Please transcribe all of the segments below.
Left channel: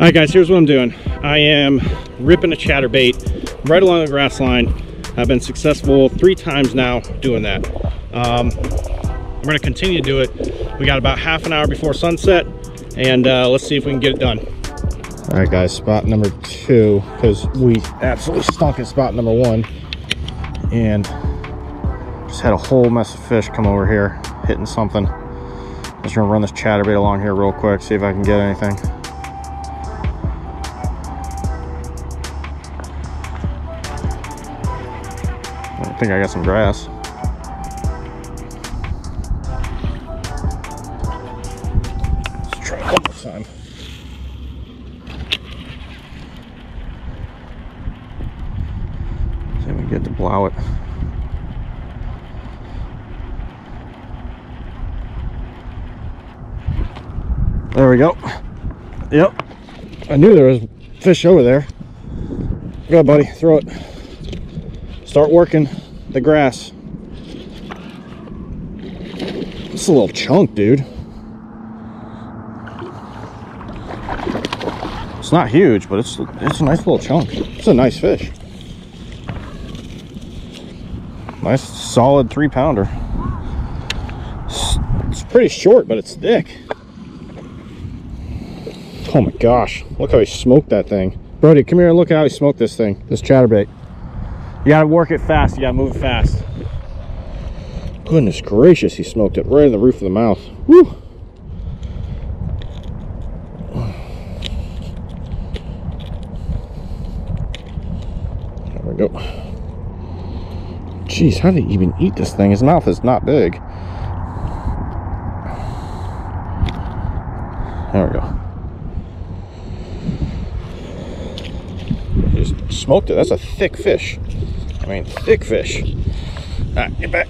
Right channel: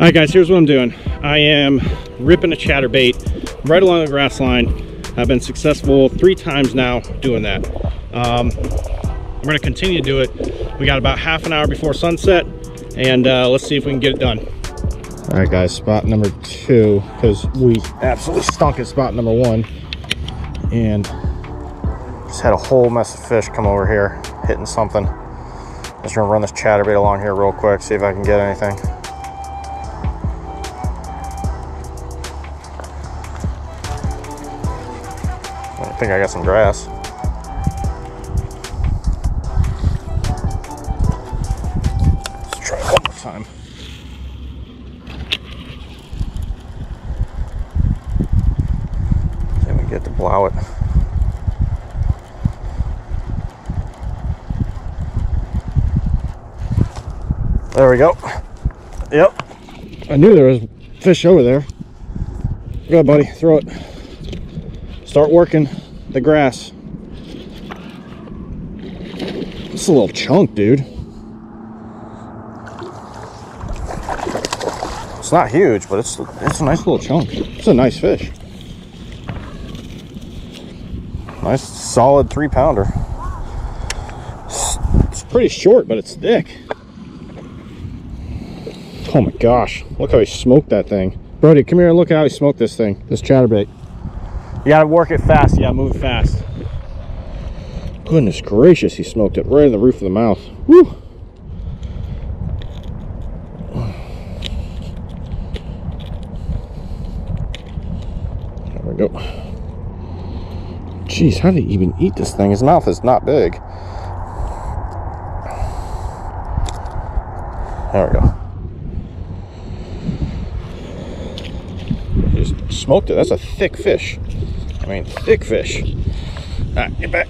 Alright guys, here's what I'm doing. I am ripping a chatterbait right along the grass line. I've been successful 3 times now doing that. I'm going to continue to do it. We got about half an hour before sunset, and let's see if we can get it done. Alright guys, spot number 2, because we absolutely stunk at spot number 1. And just had a whole mess of fish come over here, hitting something. Just going to run this chatterbait along here real quick, see if I can get anything. I think I got some grass. Let's try one more time. See if we can get to blow it. There we go. Yep. I knew there was fish over there. Go, buddy. Throw it. Start working the grass. It's a little chunk, dude. It's not huge, but it's a nice little chunk. It's a nice fish. Nice solid 3-pounder. It's pretty short, but it's thick. Oh my gosh, look how he smoked that thing. Brody, come here and look at how he smoked this thing, this chatterbait. You gotta work it fast, you gotta move it fast. Goodness gracious, he smoked it right in the roof of the mouth. Woo! There we go. Jeez, how did he even eat this thing? His mouth is not big. There we go. Just smoked it. That's a thick fish. I mean, thick fish. All right, get back.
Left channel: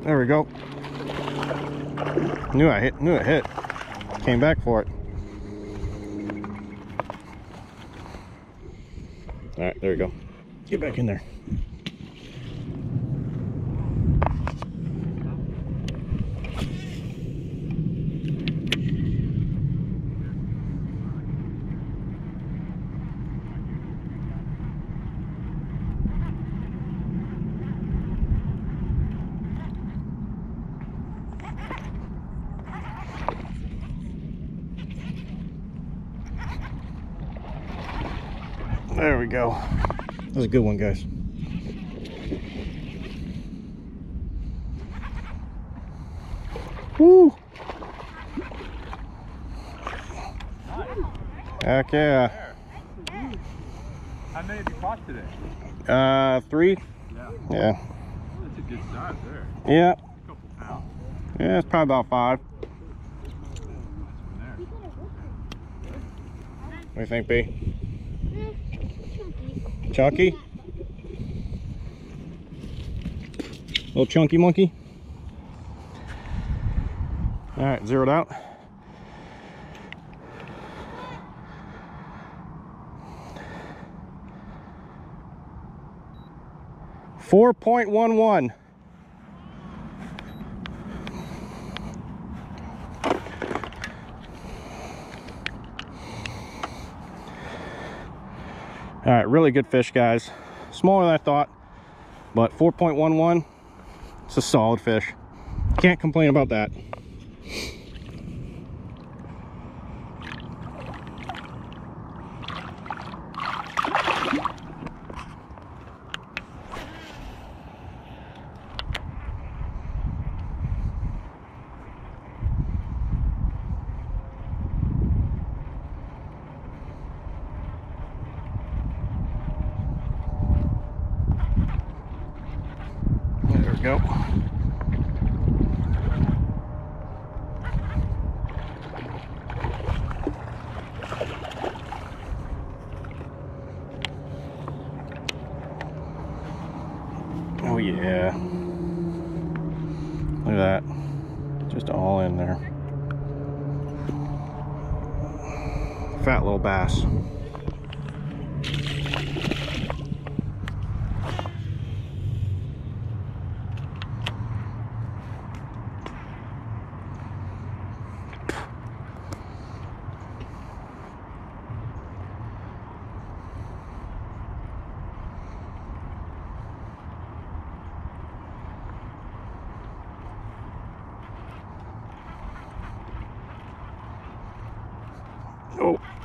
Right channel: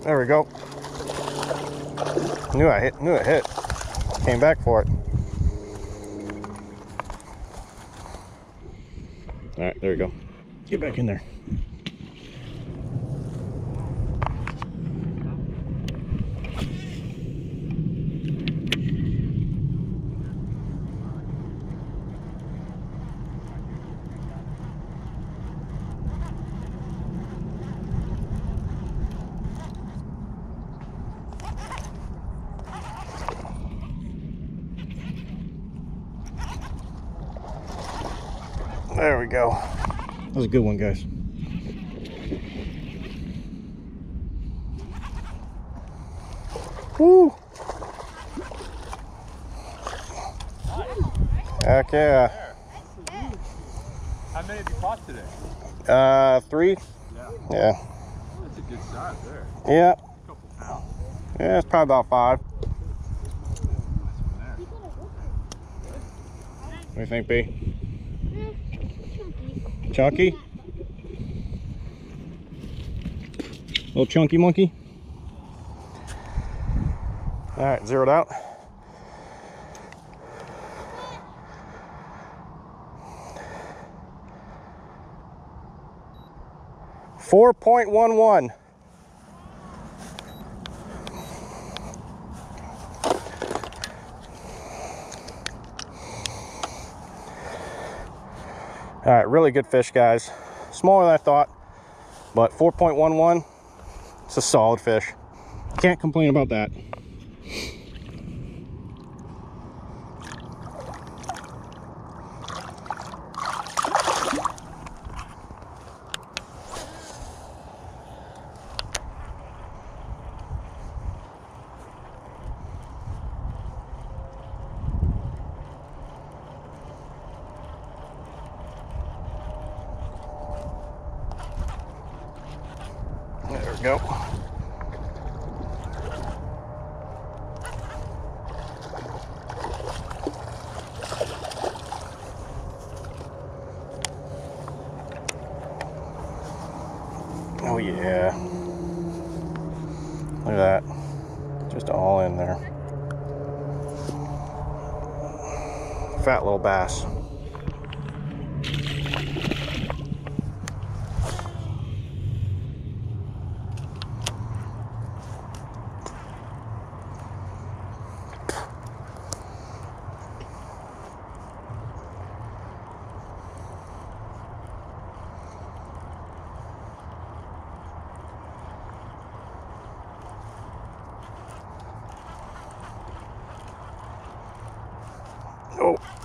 There we go. Knew it hit. Came back for it. All right, there we go. Get back in there. There we go. That was a good one, guys. Woo! Heck yeah. How many have you caught today? 3. Yeah. That's a good size there. Yeah. A couple pounds. Yeah, it's probably about 5. What do you think, B? Chunky? Little chunky monkey? All right, zeroed out. $4.11. All right, really good fish, guys. Smaller than I thought, but 4.11, it's a solid fish. Can't complain about that. go. Oh yeah. Look at that. Just all in there. Fat little bass.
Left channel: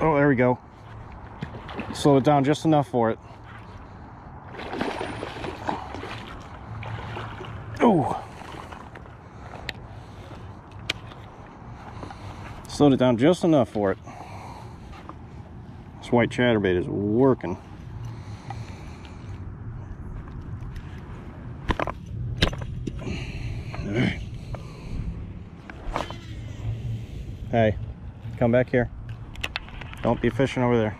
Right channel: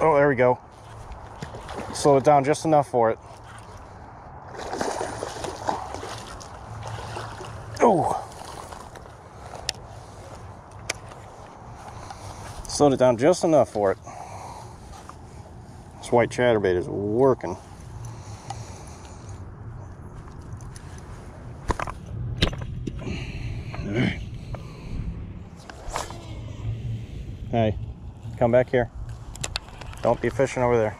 Oh, there we go. Slow it down just enough for it. Oh. Slowed it down just enough for it. This white chatterbait is working. All right. Hey, come back here. Don't be fishing over there.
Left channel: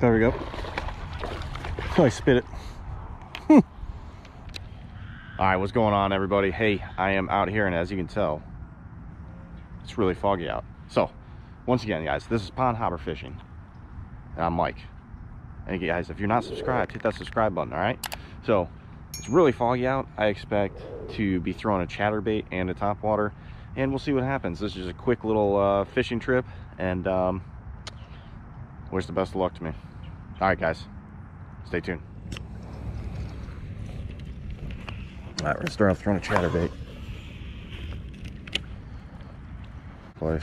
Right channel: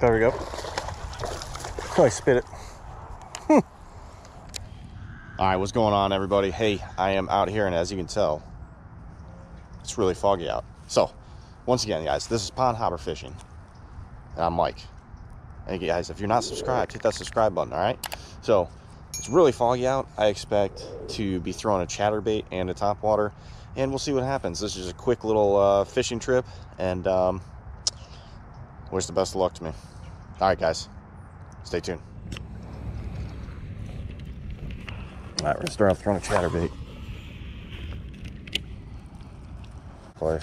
There we go. Oh, I spit it. All right, what's going on, everybody? Hey, I am out here, and as you can tell, it's really foggy out. So, once again, guys, this is Pond Hopper Fishing, and I'm Mike. And guys, if you're not subscribed, hit that subscribe button, all right? So, it's really foggy out. I expect to be throwing a chatterbait and a topwater, and we'll see what happens. This is a quick little fishing trip, and wish the best of luck to me. All right, guys, stay tuned. All right, we're gonna start throwing a chatterbait. Place.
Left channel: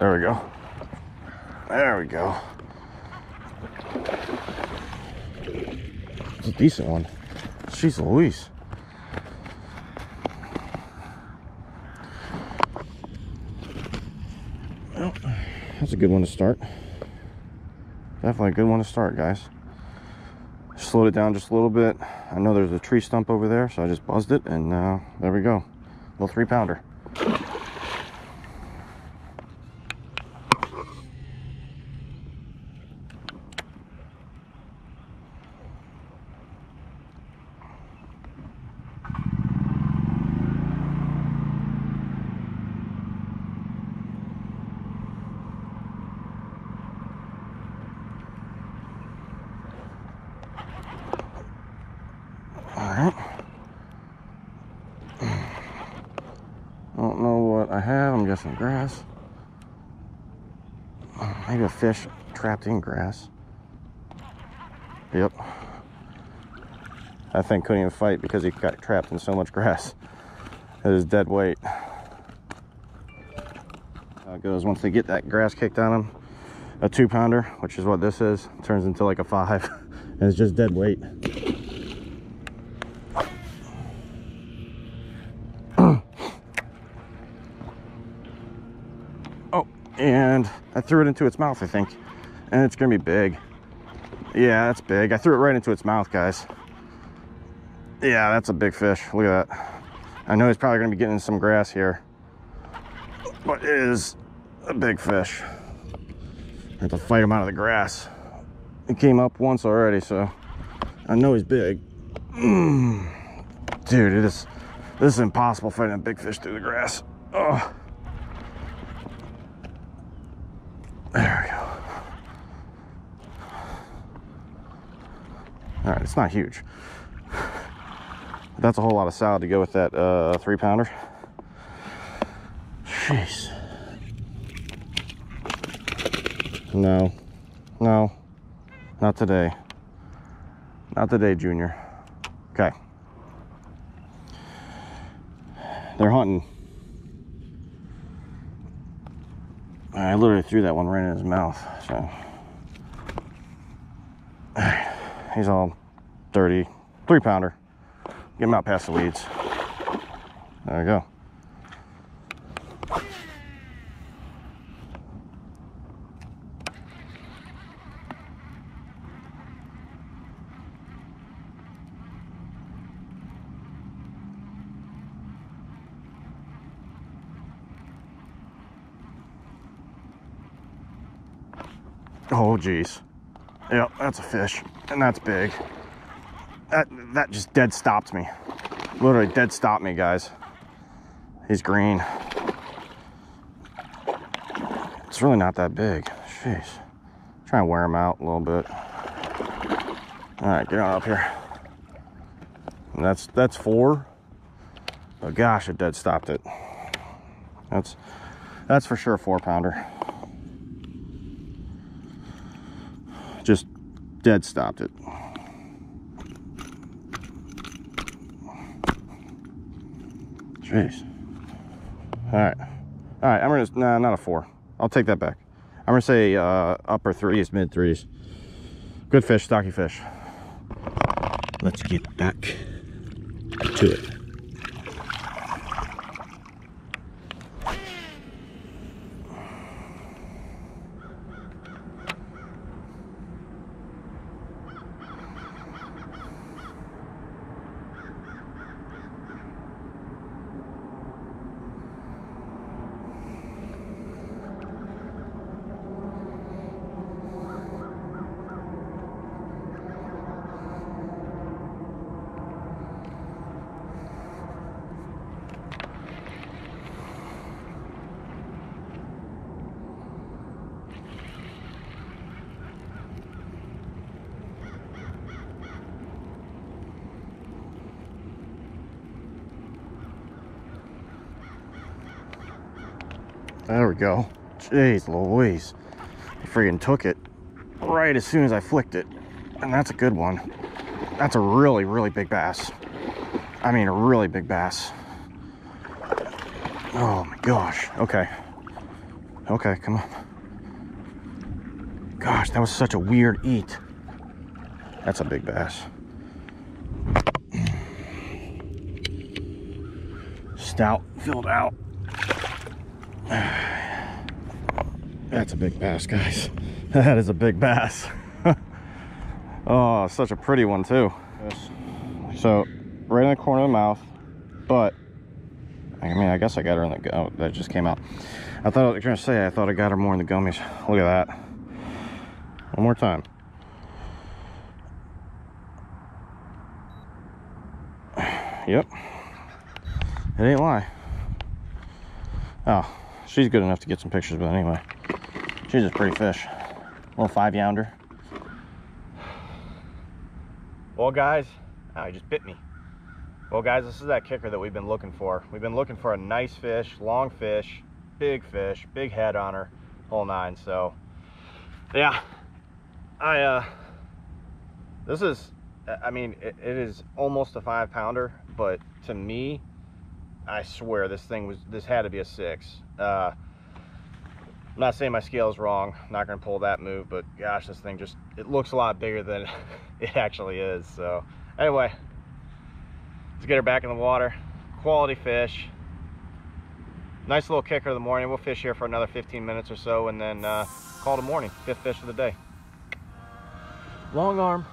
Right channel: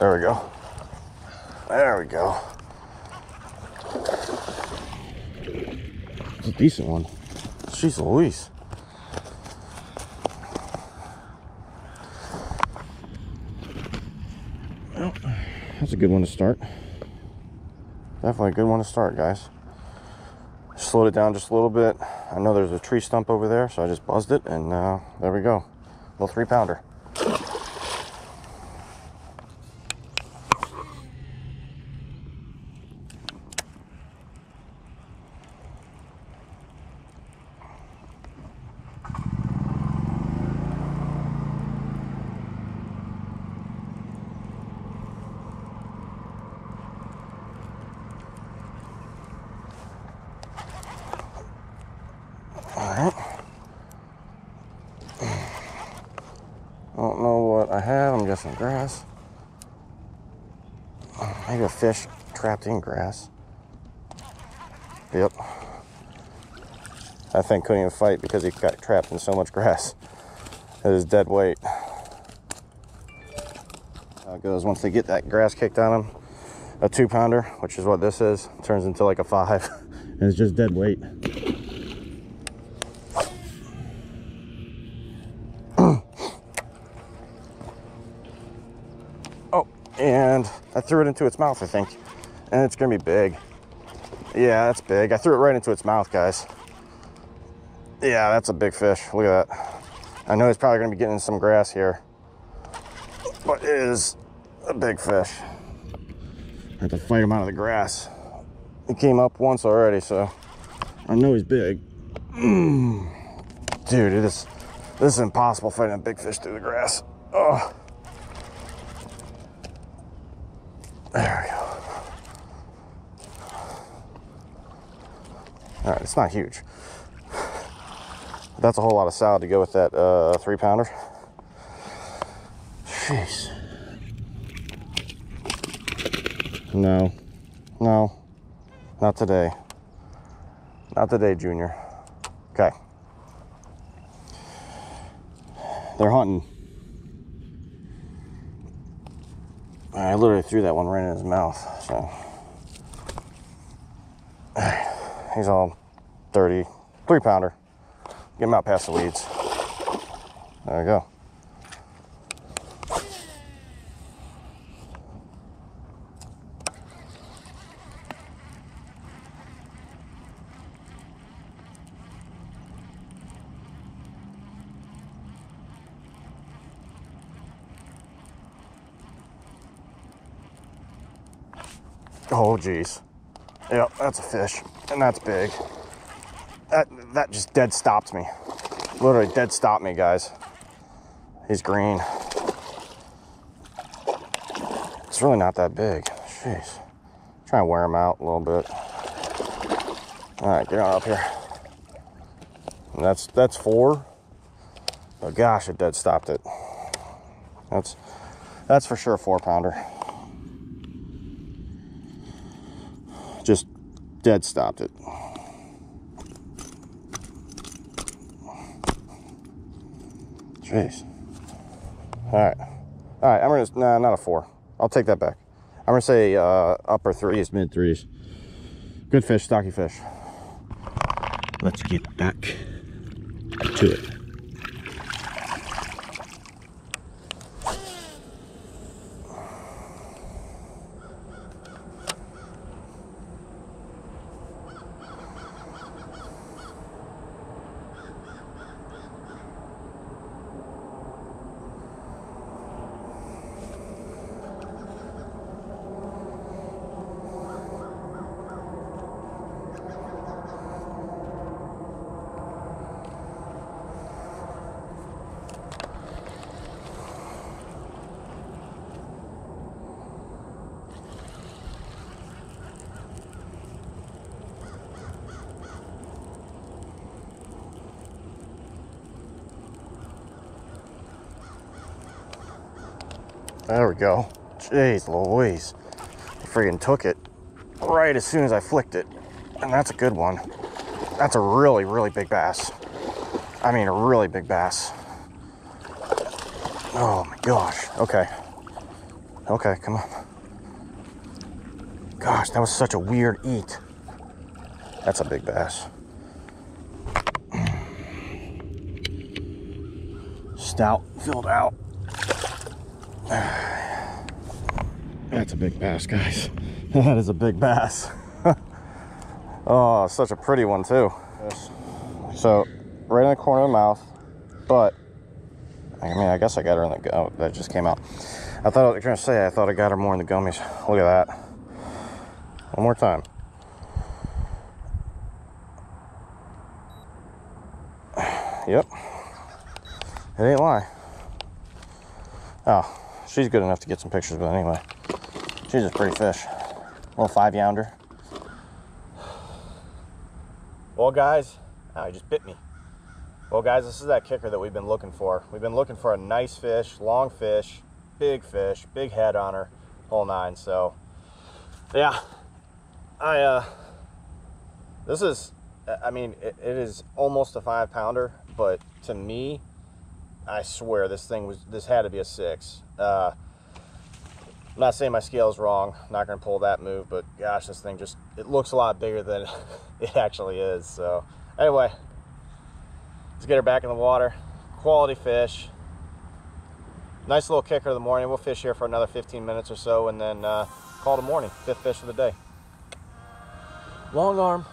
There we go. There we go. It's a decent one. Jeez Louise. Well, that's a good one to start. Definitely a good one to start, guys. Slowed it down just a little bit. I know there's a tree stump over there, so I just buzzed it, and there we go. Little 3-pounder. I don't know what I have. I'm guessing grass. Maybe a fish trapped in grass. Yep. That thing couldn't even fight because he got trapped in so much grass. It is dead weight. How it goes once they get that grass kicked on them. A 2-pounder, which is what this is, turns into like a 5, and it's just dead weight. And I threw it into its mouth, I think, and it's gonna be big. Yeah, that's big. I threw it right into its mouth, guys. Yeah, that's a big fish. Look at that. I know he's probably gonna be getting some grass here, but it is a big fish. I have to fight him out of the grass. He came up once already, so I know he's big. Dude, this is impossible fighting a big fish through the grass. Oh. There we go. All right, it's not huge. That's a whole lot of salad to go with that 3-pounder. Jeez. No, no, not today. Not today, Junior. Okay. They're hunting. I literally threw that one right in his mouth. So he's all dirty. 3-pounder. Get him out past the weeds. There we go. Oh geez. Yep, that's a fish, and that's big. That just dead stopped me. Literally dead stopped me, guys. He's green. It's really not that big. Jeez. Try and wear him out a little bit. All right, get on up here. And that's 4. Oh gosh, it dead stopped it. That's for sure a 4-pounder. Just dead stopped it. Jeez. All right, I'm gonna, nah, not a 4. I'll take that back. I'm gonna say upper 3s, mid 3s. Good fish, stocky fish. Let's get back to it. There we go. Jeez Louise. I freaking took it right as soon as I flicked it. And that's a good one. That's a really, really big bass. I mean, a really big bass. Oh my gosh. Okay. Okay, come on. Gosh, that was such a weird eat. That's a big bass. Stout filled out. That's a big bass, guys. That is a big bass. Oh, such a pretty one too. So right in the corner of the mouth, but I mean, I guess I got her in the, oh, that just came out. I thought I was trying to say, I thought I got her more in the gummies. Look at that. One more time. Yep. It ain't lie. Oh, she's good enough to get some pictures, but anyway. She's a pretty fish. Little 5-pounder. Well, guys, he just bit me. Well, guys, this is that kicker that we've been looking for. We've been looking for a nice fish, long fish, big head on her, whole 9. So, yeah, this is, I mean, it is almost a 5-pounder, but to me, I swear this had to be a 6. I'm not saying my scale is wrong. I'm not going to pull that move, but gosh, this thing just, it looks a lot bigger than it actually is. So anyway, let's get her back in the water. Quality fish. Nice little kicker of the morning. We'll fish here for another 15 minutes or so and then call it a morning. 5th fish of the day. Long arm.